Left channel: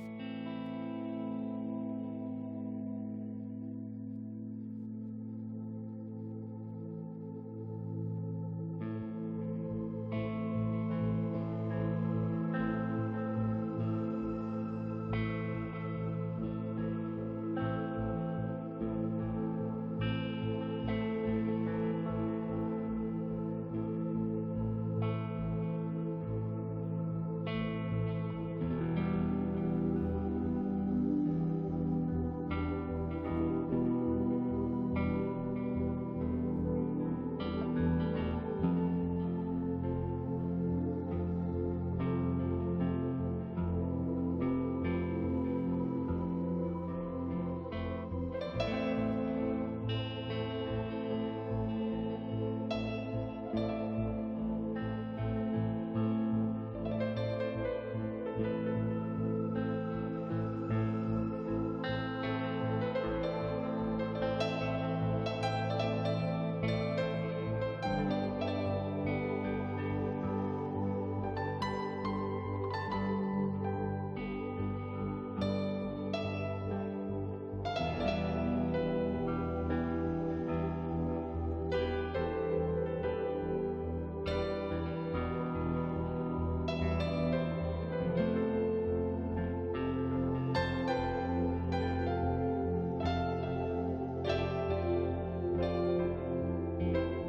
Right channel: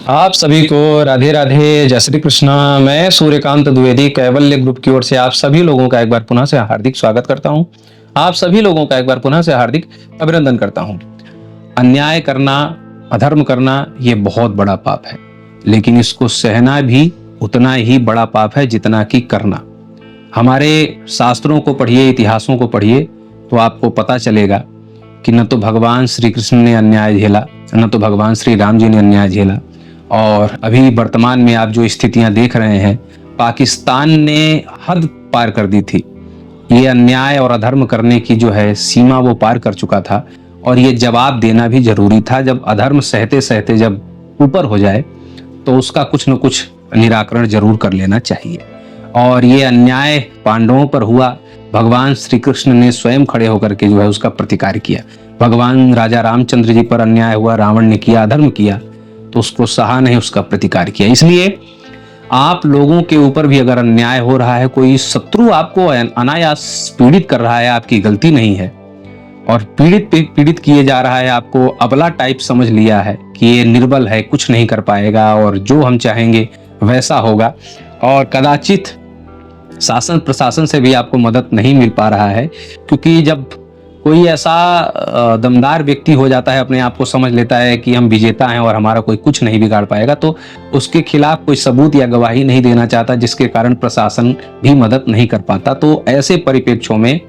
आप सभी को राधे राधे, जय श्री कृष्णा। मैं सूर्यकांत द्विवेदी कैवल्य ग्रुप की ओर से आप सभी लोगों का एक बार पुनः से हार्दिक स्वागत करता हूं। आप सभी लोगों का एक बार पुनः से हार्दिक अभिनंदन करता हूं। अन्याय करना, अधर्म करना ये बहुत बड़ा पाप है, लेकिन इसको सहना भी उतना ही बड़ा पाप है जितना कि करना। हमारे शास्त्रों को पढ़िए, इतिहासों को पढ़िए, तो आपको पता चलेगा कि न तो भगवान श्री कृष्ण ने अन्याय झेला, न तो भगवान श्री राम जी ने अन्याय झेला। और अभी वर्तमान में आप जो स्थितियां देख रहे हैं, पाकिस्तान ने हद पार कर दी थी। ये अन्याय और अधर्म करने की जो है सीमा वो पार कर चुका था, और ये जवाब देना भी जरूरी था। जब अधर्म सहते सहते जब ऊपर हो जाए तो उसका कुछ न कुछ निराकरण जरूर कर लेना चाहिए। और ये अन्याय पांडवों पर हुआ, भगवान श्री कृष्ण ने स्वयं खड़े होकर के जो है उसका प्रतिकार किया। भगवान राजा रामचंद्र जी पर अन्याय हुआ, रावण ने किया, अधर्म किया, तो उसको सहा नहीं, उसका प्रतिकार किया। इसलिए आप लोगों के ऊपर भी अगर अन्याय हो रहा है, कोई शत्रु आपको अनायास पीड़ित कर रहा है, आपकी गलती नहीं है, और पीड़ित किए जा रहा है, आपको अबला टाइप समझ लिया है कि ये निर्बल है, कुछ नहीं कर पाएगा और जो हम चाहेंगे वैसा होगा, और कदाचित शासन प्रशासन से भी आपको मदद नहीं मिल पा रहा है, क्योंकि जब कोई ऐसा दमदार व्यक्ति हो जाता है, अपने आप को समझ लेता है कि हम विजेता हैं और हमारा कोई कुछ नहीं बिगाड़ पाएगा, तो उसके खिलाफ कोई सबूत या गवाही नहीं देना चाहता, जिसके कारण प्रशासन भी मदद नहीं कर पाता। तो ऐसे परिप्रेक्ष्यों में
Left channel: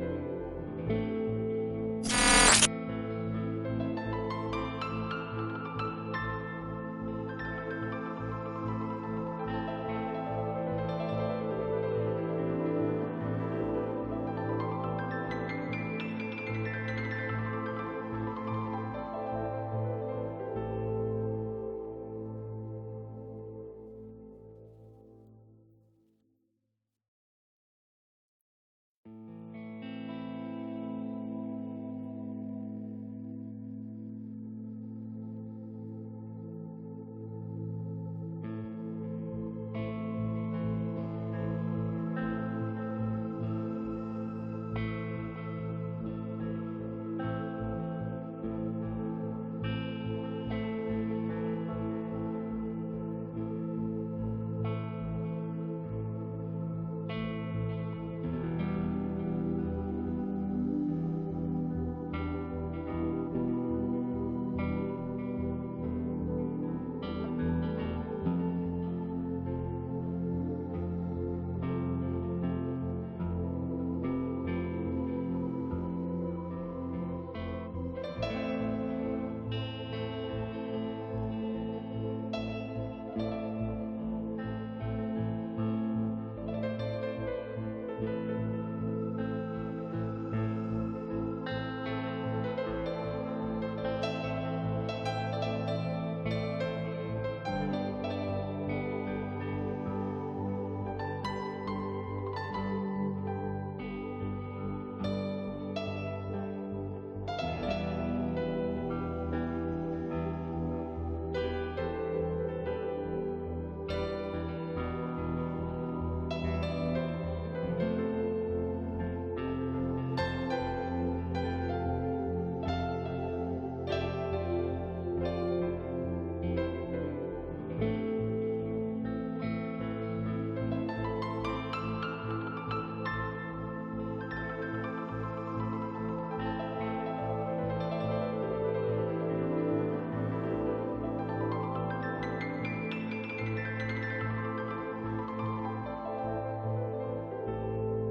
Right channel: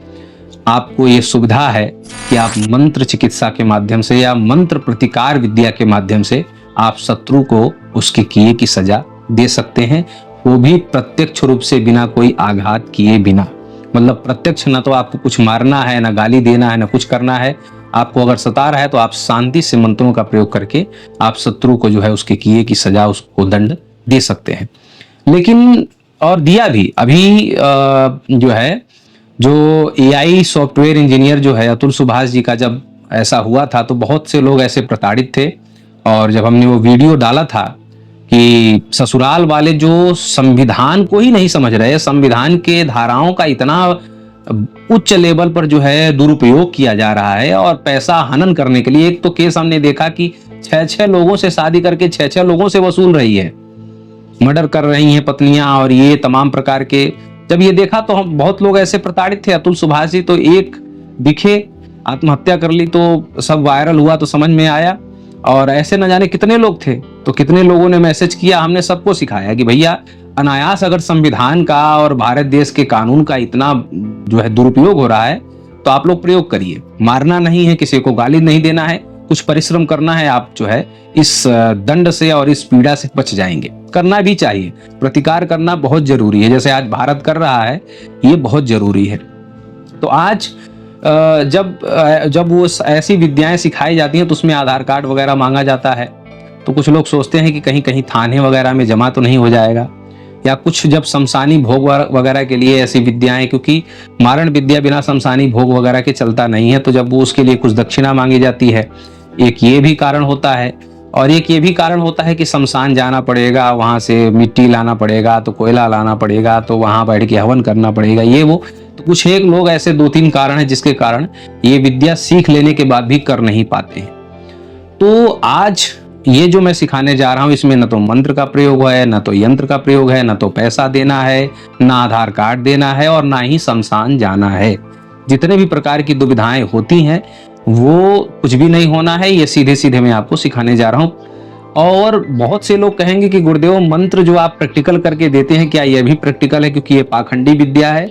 आपको ये सुविधा है कि आप मंत्र चिकित्सा के माध्यम से या मंत्र प्रतिकार विद्या के माध्यम से आप शत्रु को उसके किए की सजा दे सकते हैं, वो भी प्रत्यक्ष रूप से, बिना कोई आघात किए बिना। मतलब प्रत्यक्ष ना तो आपको कुछ मारना है, ना गाली देना है, ना कुछ करना है। आपको अगर सता रहा है तो आप शांति से मंत्रों का प्रयोग करके आप शत्रु को जो है उसके किए की सजा, उसको दंड दे सकते हैं। लेकिन और दिया भी अभी जो है, जो एआई सॉफ्टवेयर इंजीनियर जो है अतुल सुभाष जी का जब ऐसा हुआ था, तो बहुत से लोग ऐसे प्रताड़ित थे। और जब हमने वो वीडियो डाला था कि ससुराल वाले जो संविधान को ही नहीं समझ रहे, संविधान के धाराओं का इतना उच्च लेवल पर जो है दुरुपयोग किया जा रहा है, और पैसा हनन करने के लिए, एक तो केस हमने देखा कि 6-6 लोगों से शादी करके 6-6 लोगों से वसूल रही है, मर्डर कर रही हैं पत्नियां, और ये तमाम प्रकार के। जब ये देखा तो हम बहुत लोग ऐसे प्रताड़ित थे। अतुल सुभाष जी तो एक दिखे, आत्महत्या कर ली, तो सब वायरल हुआ, तो समझ में आया। और ऐसे न जाने कितने लोग थे, तो कितने लोगों ने मैसेज किया। हमने सबको सिखाया कि भैया अनायास अगर संविधान का और भारत देश के कानून का इतना जो है दुरुपयोग हो रहा है, तो आप लोग प्रयोग करिए। मारना नहीं है, किसी को गाली नहीं देना है, कुछ परिश्रम करना है, आप जो है इस दंड से और इस पीड़ा से बच जाएंगे। करना भी चाहिए, प्रतिकार करना बहुत जरूरी है, जैसे आज भारत कर रहा है, ये बहुत जरूरी है। तो आज जब वो ऐसी विद्याएं सिखाई जाती हैं, तो उसमें आधार कार्ड वगैरह मांगा जाता है। तो कुछ लोग सोचते हैं कि कहीं कहीं थाने वगैरह में जमा तो नहीं हो जाएगा, या कुछ जब शमशानी भोग वगैरह के लिए ऐसी विद्याएं, क्योंकि मारण विद्या बिना शमशानी भोग वगैरह के चलता नहीं है, तो जब वो उसके लिए कुछ दक्षिणा मांगी जाती है, एक ये भी कारण होता है। और एक ये भी कारण होता है कि शमशान जाना पड़ेगा, वहां से मिट्टी लाना पड़ेगा, तो कोयला लाना पड़ेगा, तो वहां बैठ के हवन करना पड़ेगा, ये वो। तो कुछ एक लोग ऐसे 2-3 कारण हैं जिसके कारण ये विद्या सीख लेने के बाद भी कर नहीं पाते हैं। तो आज ये जो मैं सिखाने जा रहा हूं, इसमें न तो मंत्र का प्रयोग है, न तो यंत्र का प्रयोग है, न तो पैसा देना है, न आधार कार्ड देना है, और ना ही शमशान जाना है। जितने भी प्रकार की दुविधाएं होती हैं, वो कुछ भी नहीं होना है। ये सीधे सीधे मैं आपको सिखाने जा रहा हूं। और बहुत से लोग कहेंगे कि गुरुदेव, मंत्र जो आप प्रैक्टिकल करके देते हैं, क्या ये भी प्रैक्टिकल है? क्योंकि ये पाखंडी विद्या है।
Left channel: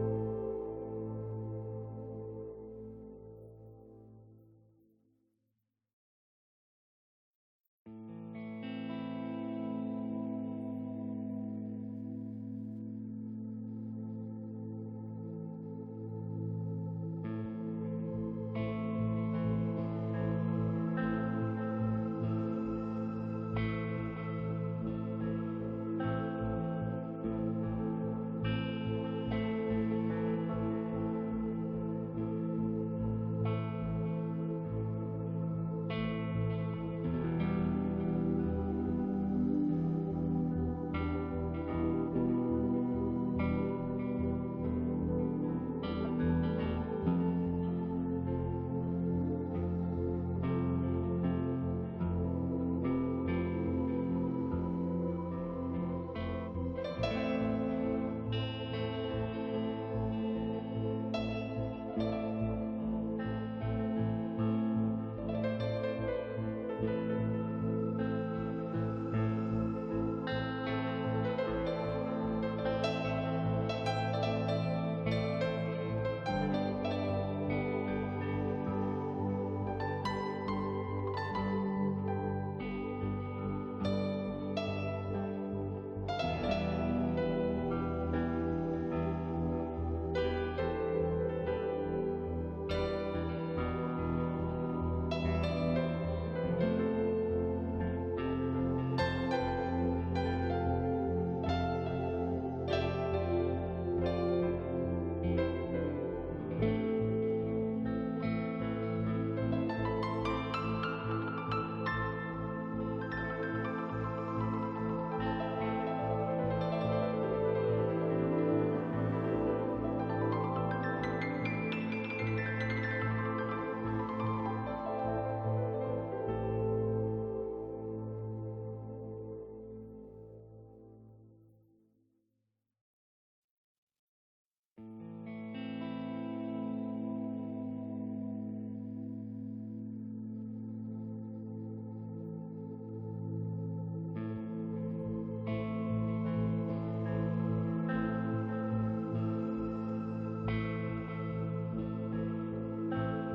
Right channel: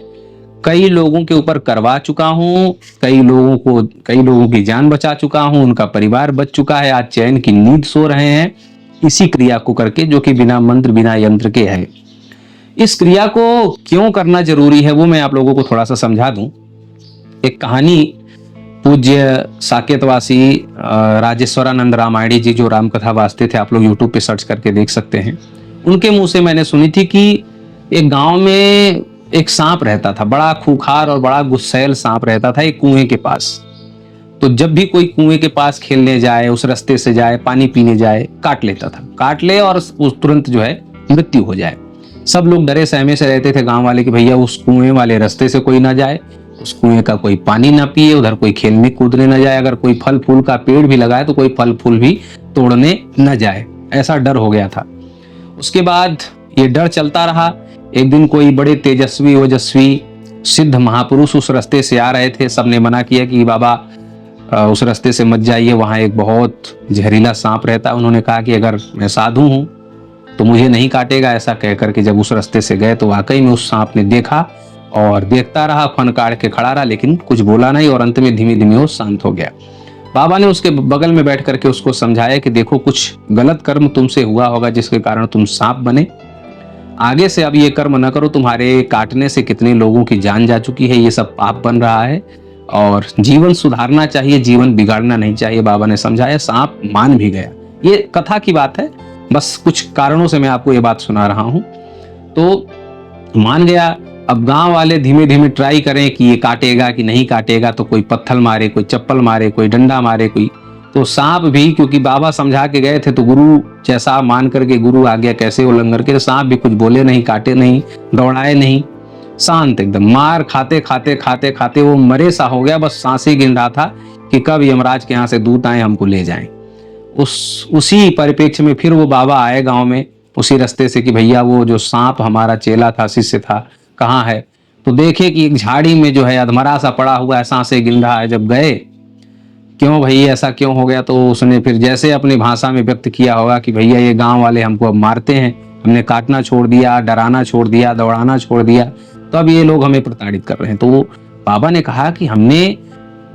कई लोगों के ऊपर करवा चुका हूं, कई लोगों की जान बचा चुका हूं, उनका परिवार बच चुका है, आज चैन की नींद सो रहे हैं इसी क्रिया को करके, जो कि बिना मंत्र बिना यंत्र के है। इस क्रिया को क्यों करना जरूरी है, वो मैं आप लोगों को थोड़ा सा समझा दूं। एक कहानी पूज्य साकेतवासी राजेश्वरानंद रामायणी जी, जो रामकथा वाचते थे, आप लोग यूट्यूब पे सर्च करके देख सकते हैं, उनके मुंह से मैंने सुनी थी कि एक गांव में एक सांप रहता था, बड़ा खूंखार और बड़ा गुस्सैल सांप रहता था एक कुएं के पास। तो जब भी कोई कुएं के पास खेलने जाए, उस रास्ते से जाए, पानी पीने जाए, काट लेता था, काट ले और उस तुरंत जो है मृत्यु हो जाए। सब लोग डरे सहमे से रहते थे गांव वाले कि भैया उस कुएं वाले रास्ते से कोई ना जाए, उस कुएं का कोई पानी ना पिए, उधर कोई खेलने कूदने ना जाए, अगर कोई फल फूल का पेड़ भी लगाए तो कोई फल फूल भी तोड़ने न जाए। ऐसा डर हो गया था। उसके बाद ये डर चलता रहा। एक दिन कोई बड़े तेजस्वी ओजस्वी सिद्ध महापुरुष उस रास्ते से आ रहे थे। सबने मना किया कि बाबा उस रास्ते से मत जाइए, वहाँ एक बहुत जहरीला सांप रहता है। उन्होंने कहा कि अगर मैं साधु हूँ तो मुझे नहीं काटेगा। ऐसा कहकर के जब उस रास्ते से गए तो वाकई में उस सांप ने देखा और देखता रहा, फनकार के खड़ा रहा, लेकिन कुछ बोला नहीं और अंत में धीमे धीमे वो शांत हो गया। बाबा ने उसके बगल में बैठ करके उसको समझाया कि देखो, कुछ गलत कर्म तुमसे हुआ होगा जिसके कारण तुम सांप बने। आगे से अब ये कर्म न करो। तुम्हारे काटने से कितने लोगों की जान जा चुकी है, ये सब पाप बन रहा है और जीवन सुधारना चाहिए, जीवन बिगाड़ना नहीं चाहिए। बाबा ने समझाया, सांप मान भी गया। ये कथा की बात है, बस कुछ कारणों से मैं आपको ये बात सुना रहा हूँ। तो मान गया। अब गांव वाले धीमे धीमे ट्राई करें कि ये काटेगा कि नहीं काटेगा, तो कोई पत्थर मारे, कोई चप्पल मारे, कोई डंडा मारे, कोई तो सांप भी, क्योंकि बाबा समझा के गए थे तो गुरु जैसा मान करके गुरु आज्ञा कैसे उल्लंघन करके, सांप भी कुछ बोले नहीं, काटे नहीं, दौड़ाए नहीं, शांत एकदम। मार खाते खाते खाते खाते वो मरे सा हो गया। बस सांसें गिन रहा था कि कब यमराज के यहाँ से दूत आए, हमको ले जाएं। उसी परिप्रेक्ष्य में फिर वो बाबा आए गांव में उसी रास्ते से कि भैया वो जो सांप हमारा चेला था, शिष्य था, कहाँ है? तो देखे कि एक झाड़ी में जो है अधमरा सा पड़ा हुआ है, सांसें गिन रहा है। जब गए, क्यों भाई ऐसा क्यों हो गया? तो उसने फिर जैसे अपनी भाषा में व्यक्त किया होगा कि भैया ये गांव वाले हमको अब मारते हैं, हमने काटना छोड़ दिया, डराना छोड़ दिया, दौड़ाना छोड़ दिया, तो अब ये लोग हमें प्रताड़ित कर रहे हैं। तो वो बाबा ने कहा कि हमने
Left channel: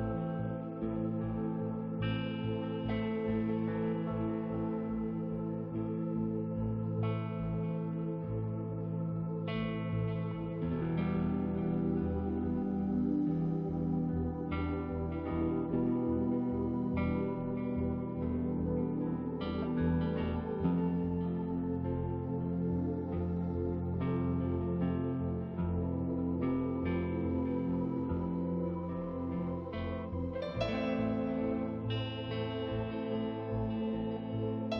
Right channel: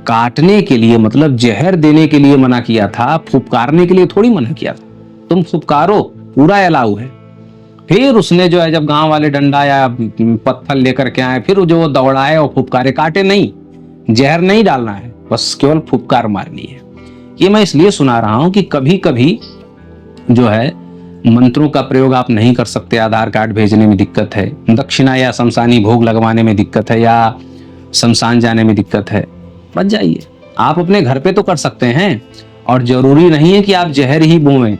काटने के लिए, मतलब जहर देने के लिए मना किया था, फुफकारने के लिए थोड़ी मना किया था। तुम फुफकारो, पूरा अलाउ है। फिर उसने जो है जब गांव वाले डंडा या पत्थर लेकर के आए, फिर जो दौड़ाए और फुफकारे, काटे नहीं, जहर नहीं डालना है, बस केवल फुफकार मारनी है। ये मैं इसलिए सुना रहा हूं कि कभी कभी जो है मंत्रों का प्रयोग आप नहीं कर सकते, आधार कार्ड भेजने में दिक्कत है, दक्षिणा या शमशानी भोग लगवाने में दिक्कत है, या शमशान जाने में दिक्कत है, बच जाइए। आप अपने घर पे तो कर सकते हैं, और जरूरी नहीं है कि आप जहर ही बोएं।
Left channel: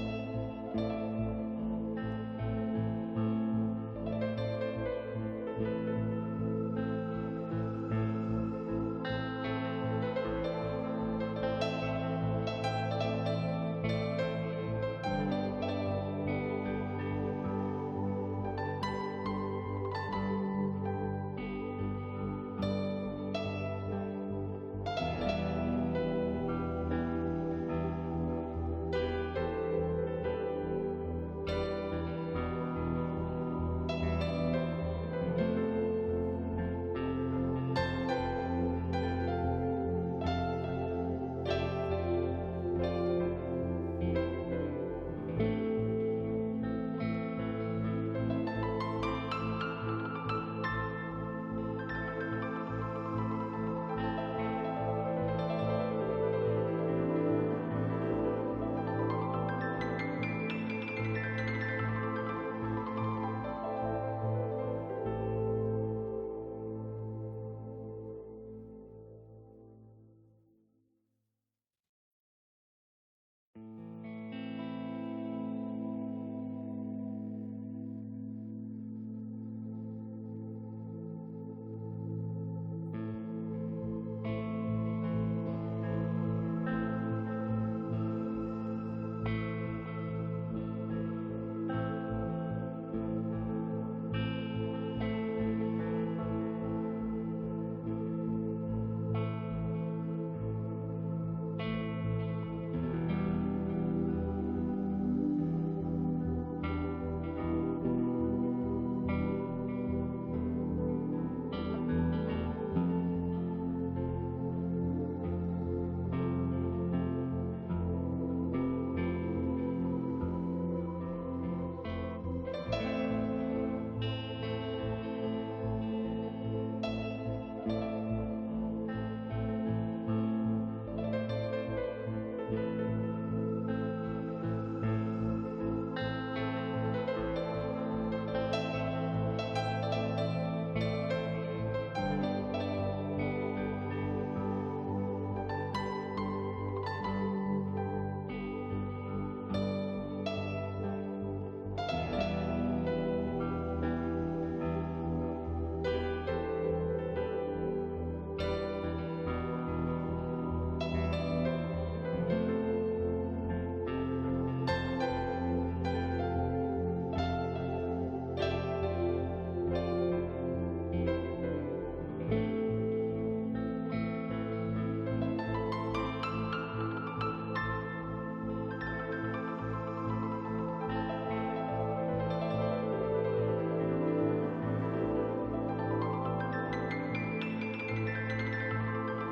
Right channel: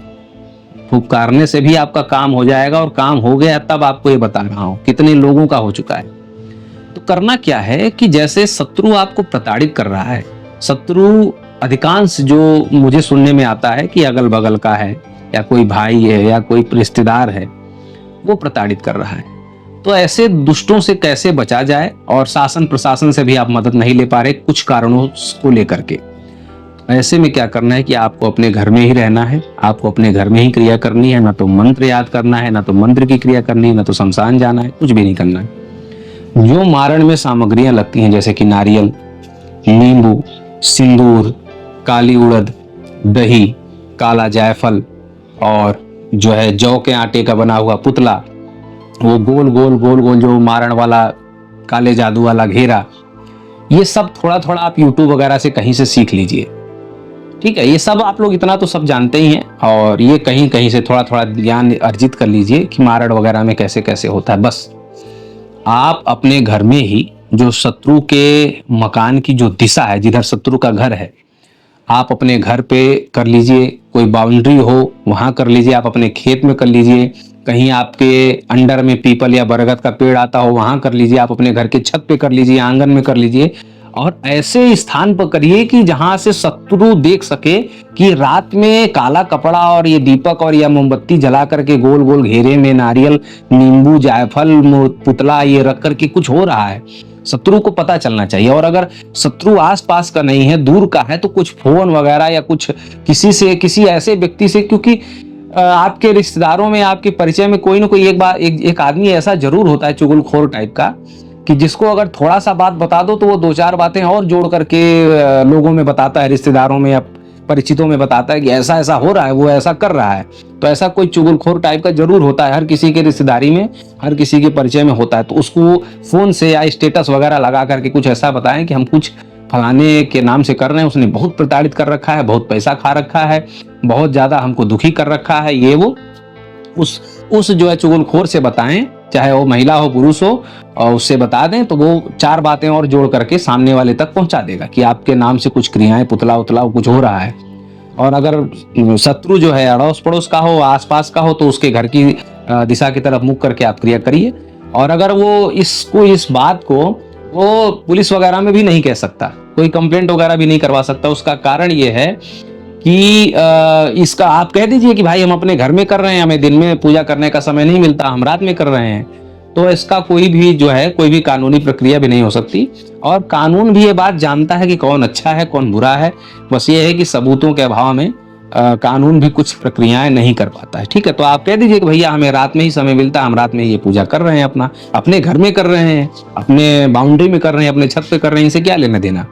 फुफकारने से भी आपका काम हो जाएगा, और काम हो गया तब आपको ये बता रहा हूं, कितने लोगों का हो चुका है। तो करना क्या है कि जैसे शत्रु आपको प्रताड़ित कर रहा है, शत्रु अधिकांश जो मुझे सुनने में आता है कि अगल बगल का है, या कोई भाई है, या कोई रिश्तेदार है, वो प्रताड़ित कर रहा है। तो ऐसे दुष्टों से कैसे बचा जाए, और शासन प्रशासन से भी आप मदद नहीं ले पा रहे कुछ कारणों को लेकर के। ऐसे में क्या करना है कि आपको अपने घर में ही रहना है, आपको अपने घर में ही क्रिया करनी है। ना तो मंत्र याद करना है, ना तो मंत्र की क्रिया करनी है, ना तो शमशान जाना है, कुछ भी नहीं करना है। जो मारण में सामग्रियां लगती हैं, जैसे कि नारियल, नींबू, सिंदूर, काली उड़द, दही, काला जायफल, और जो है जौ के आटे का बना हुआ पुतला, वो गोल गोल गोल गोल जो मारण वाला काले जादू वाला घेरा, ये सब थोड़ा थोड़ा आप यूट्यूब वगैरह से कहीं से सीख लीजिए। ठीक है, ये सब आप लोग इतना तो सब जानते ही हैं, और ये कहीं कहीं से थोड़ा थोड़ा ज्ञान अर्जित कर लीजिए कि मारण वगैरह में कैसे कैसे होता है। बस आप अपने घर में ही जो शत्रु के मकान की जो दिशा है, जिधर शत्रु का घर है, आप अपने घर पे कर लीजिए। कोई बाउंड्री हो वहां कर लीजिए, आप अपने खेत में कर लीजिए, कहीं आपके अंडर में पीपल या बरगद का पेड़ आता हो वहां कर लीजिए, आप अपने घर के छत पे कर लीजिए, आंगन में कर लीजिए, और ऐसे स्थान पर करिए कि जहां से शत्रु देख सके कि रात में काला कपड़ा और ये दीपक और या मोमबत्ती जला करके गोल गोल घेरे में नारियल, नींबू, जायफल, पुतला ये रख करके कुछ हो रहा है। शत्रु को पता चलना चाहिए। और अगर शत्रु आसपास का नहीं है, दूर का है, तो कुछ फोन वगैरह या कुछ किसी से, किसी ऐसे व्यक्ति से, क्योंकि आपके रिश्तेदारों में, आपके परिचय में कोई ना कोई एक आदमी ऐसा जरूर होता है, चुगलखोर टाइप का, कि जिसको अगर थोड़ा सा बात बता दो तो वो दो चार बातें और जोड़ करके लोगों में बताता है, रिश्तेदारों में या परिचितों में बताता है कि ऐसा ऐसा हो रहा है, वो ऐसा कर रहा है। तो ऐसा कोई चुगलखोर टाइप का जरूर होता है, हर किसी के रिश्तेदारी में, हर किसी के परिचय में होता है। तो उसको फोन से या स्टेटस वगैरह लगा करके कुछ ऐसा बताएं कि हम कुछ फलाने के नाम से कर रहे हैं, उसने बहुत प्रताड़ित कर रखा है, बहुत पैसा खा रखा है, बहुत ज्यादा हमको दुखी कर रखा है, ये वो उस जो है चुगलखोर से बताएं, चाहे वो महिला हो पुरुष हो, और उससे बता दें तो वो चार बातें और जोड़ करके सामने वाले तक पहुंचा देगा कि आपके नाम से कुछ क्रियाएं, पुतला उतला कुछ हो रहा है। और अगर शत्रु जो है अड़ोस पड़ोस का हो, आसपास का हो, तो उसके घर की दिशा की तरफ मुख करके आप क्रिया करिए। और अगर वो इस बात को वो पुलिस वगैरह में भी नहीं कह सकता, कोई कंप्लेंट वगैरह भी नहीं करवा सकता, उसका कारण ये है कि इसका आप कह दीजिए कि भाई हम अपने घर में कर रहे हैं, हमें दिन में पूजा करने का समय नहीं मिलता, हम रात में कर रहे हैं, तो इसका कोई भी जो है कोई भी कानूनी प्रक्रिया भी नहीं हो सकती। और कानून भी ये बात जानता है कि कौन अच्छा है कौन बुरा है, बस ये है कि सबूतों के अभाव में कानून भी कुछ प्रक्रियाएं नहीं कर पाता है। ठीक है, तो आप कह दीजिए कि भैया हमें रात में ही समय मिलता है, हम रात में ये पूजा कर रहे हैं, अपने घर में कर रहे हैं, अपने बाउंड्री में कर रहे हैं, अपने छत पे कर रहे हैं, इनसे क्या लेना देना।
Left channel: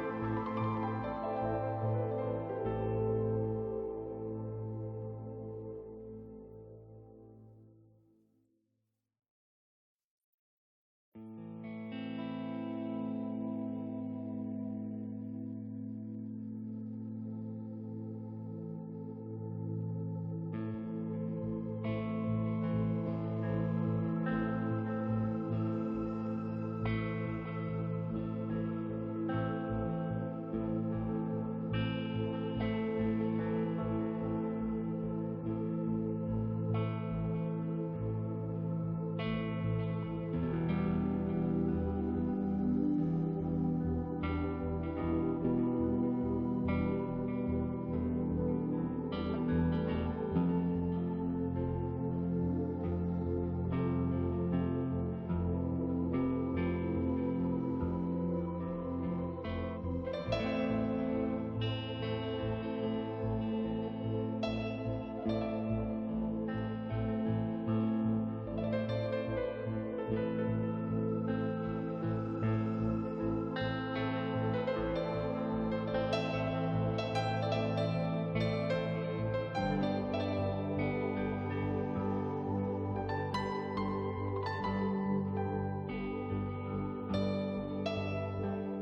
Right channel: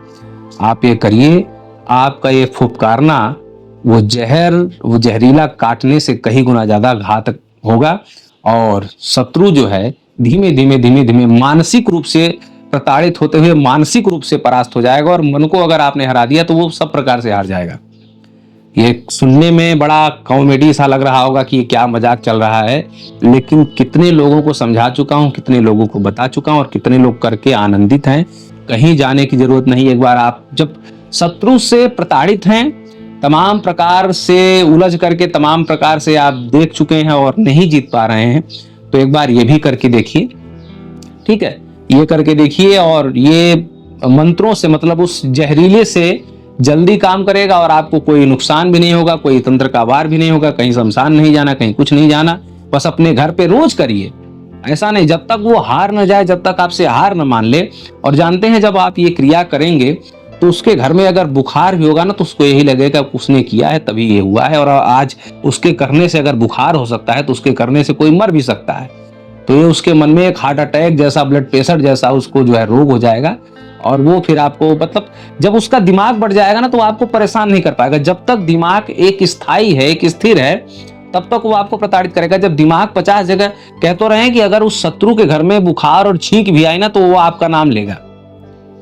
आप ये करिए, आपका ये फुफकारना वो जहरीला काटने से कहीं गुना ज्यादा घातक होगा। और शत्रु जो है धीमे धीमे मानसिक रूप से प्रताड़ित होते हुए मानसिक रूप से परास्त हो जाएगा, और मन को अगर आपने हरा दिया तो वो सब प्रकार से हार जाएगा। ये सुनने में बड़ा कॉमेडी सा लग रहा होगा कि ये क्या मजाक चल रहा है, लेकिन कितने लोगों को समझा चुका हूँ, कितने लोगों को बता चुका हूँ, और कितने लोग करके आनंदित हैं। कहीं जाने की जरूरत नहीं। एक बार आप जब शत्रु से प्रताड़ित हैं, तमाम प्रकार से उलझ करके तमाम प्रकार से आप देख चुके हैं और नहीं जीत पा रहे हैं, तो एक बार ये भी करके देखिए। ठीक है, ये करके देखिए, और ये मंत्रों से मतलब उस जहरीले से जल्दी काम करेगा, और आपको कोई नुकसान भी नहीं होगा, कोई तंत्र का वार भी नहीं होगा, कहीं शमशान नहीं जाना, कहीं कुछ नहीं जाना। बस अपने घर पे रोज करिए, ऐसा नहीं जब तक वो हार न जाए, जब तक आपसे हार न मान ले। और जानते हैं जब आप ये क्रिया करेंगे तो उसके घर में अगर बुखार भी होगा ना, तो उसको यही लगेगा उसने किया है तभी ये हुआ है, और आज उसके करने से अगर बुखार हो सकता है तो उसके करने से कोई मर भी सकता है। तो ये उसके मन में एक हार्ट अटैक जैसा, ब्लड प्रेशर जैसा उसको जो है रोग हो जाएगा, और वो फिर आपको मतलब जब उसका दिमाग बढ़ जाएगा ना तो आपको परेशान नहीं कर पाएगा। जब तक दिमाग एक स्थायी है, एक स्थिर है, तब तक वो आपको प्रताड़ित करेगा। जब दिमाग 50 जगह कह तो रहे हैं कि अगर उस शत्रु के घर में बुखार और छींक भी आई ना तो वो आपका नाम लेगा।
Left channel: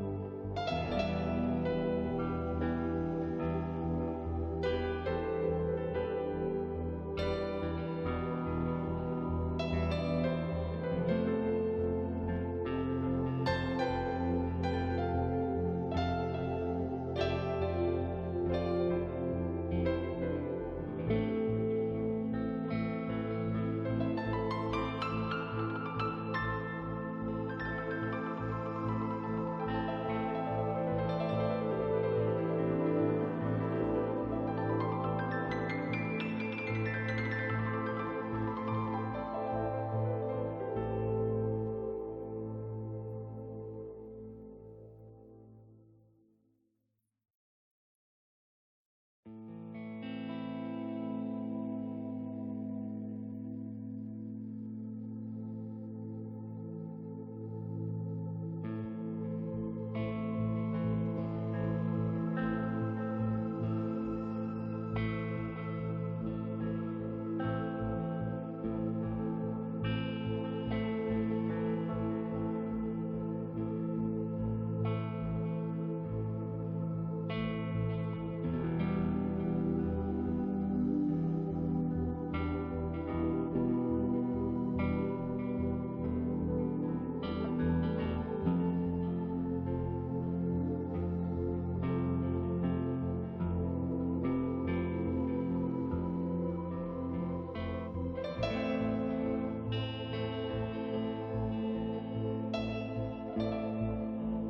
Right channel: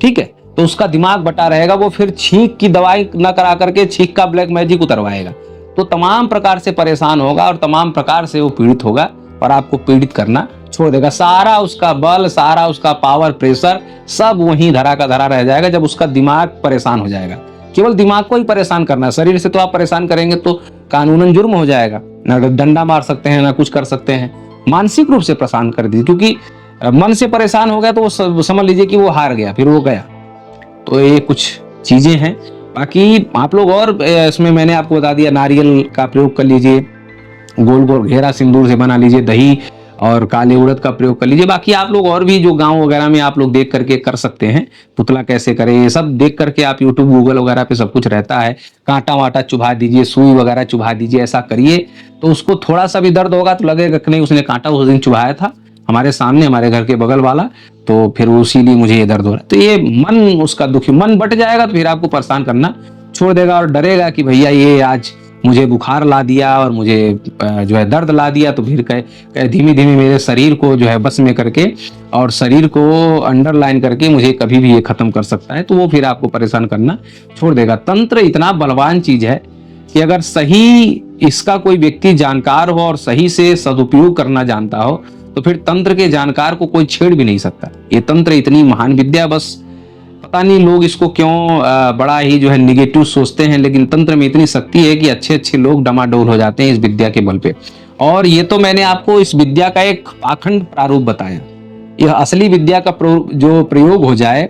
ठीक है, तो उसका दिमाग बटा रहेगा, वो फिर छींक की दवाई न करा करके छींक का ब्लैक मैजिक उतरवाएगा। तो तमाम प्रकार से परेशान होगा और तमाम प्रकार से वो पीड़ित होगा, और आपको पीड़ित करना छोड़ देगा। सारा उसका बल, सारा उसका पावर, प्रेशर सब वहीं धरा का धरा रह जाएगा जब उसका दिमाग परेशान हो जाएगा। केवल दिमाग को ही परेशान करना है, शरीर से तो आप परेशान करेंगे तो कानूनन जुर्म हो जाएगा, ना डंडा मार सकते हैं ना कुछ कर सकते हैं। मानसिक रूप से परेशान कर दीजिए, क्योंकि मन से परेशान हो गया तो वो समझ लीजिए कि वो हार गया, फिर वो गया। तो ये कुछ चीजें हैं। बाकी आप लोग और इसमें मैंने आपको बता दिया, नारियल का प्रयोग कर लीजिए, गोल गोल घेरा सिंदूर से बना लीजिए, दही और काले उड़द का प्रयोग कर लीजिए। बाकी आप लोग और भी जो गांव वगैरह में आप लोग देख करके कर सकते हैं, पुतला कैसे करें ये सब देख करके आप यूट्यूब गूगल वगैरह पे सब कुछ रहता है। कांटा वाटा चुभा दीजिए, सुई वगैरह चुभा दीजिए, ऐसा करिए तो उसको थोड़ा सा भी दर्द होगा तो लगेगा कि नहीं उसने कांटा उस दिन चुभाया था हमारे सामने, हमारे घर के बगल वाला, तो फिर इसीलिए मुझे ये दर्द हो रहा है। तो ये मन उसका दुखी, मन बट जाएगा तो फिर आपको परेशान करना छोड़ देगा, और डरेगा कि भैया ये आज मुझे बुखार ला दिया और मुझे जो है दर्द ला दिया, तो फिर कहे धीमे धीमे मेरे शरीर को जो है बस में करके और शरीर को अंडरलाइन करके मुझे कभी भी ये खत्म कर सकता है, तो वो फिर आपको परेशान करना छोड़ देगा। तंत्र इतना बलवान चीज है कि अगर सही इसका कोई व्यक्ति जानकार हो और सही से सदुपयोग करना जानता हो तो फिर तंत्र के जानकार को कोई छेड़ भी नहीं सकता। ये तंत्र इतनी महान विद्या, बस पता नहीं लोग इसको क्यों बड़ा ही जो है निगेटिव सोचते हैं, लेकिन तंत्र में इतनी शक्ति है कि अच्छे अच्छे लोग डमाडोल हो जाते हैं इस विद्या के बल पे। और ये तो मैंने आपको इस विद्या का एक पाखंड प्रारूप बताया। यह असली विद्या का जो प्रयोग हो जाए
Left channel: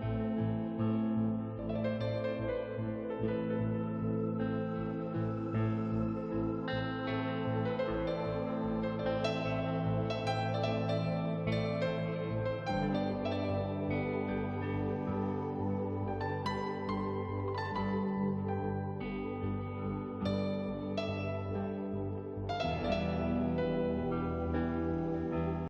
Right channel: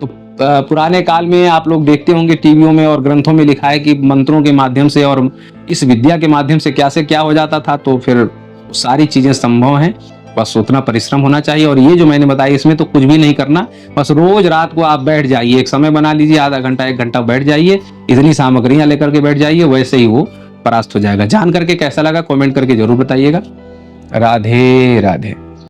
तो पुराने काल में आप लोग देखते होंगे टीवियों में और ग्रंथों में लिखा है कि मंत्रों के माध्यम से और इस विद्या के माध्यम से क्या हो जाता था। तो फिर सारी चीजें संभव हैं, बस उतना परिश्रम होना चाहिए। और ये जो मैंने बताया इसमें तो कुछ भी नहीं करना, बस रोज रात को आप बैठ जाइए, एक समय बना लीजिए, आधा घंटा 1 घंटा बैठ जाइए, इतनी सामग्रियां लेकर के बैठ जाइए, वैसे ही वो परास्त हो जाएगा। जान करके कैसा लगा कमेंट करके जरूर बताइएगा। राधे राधे।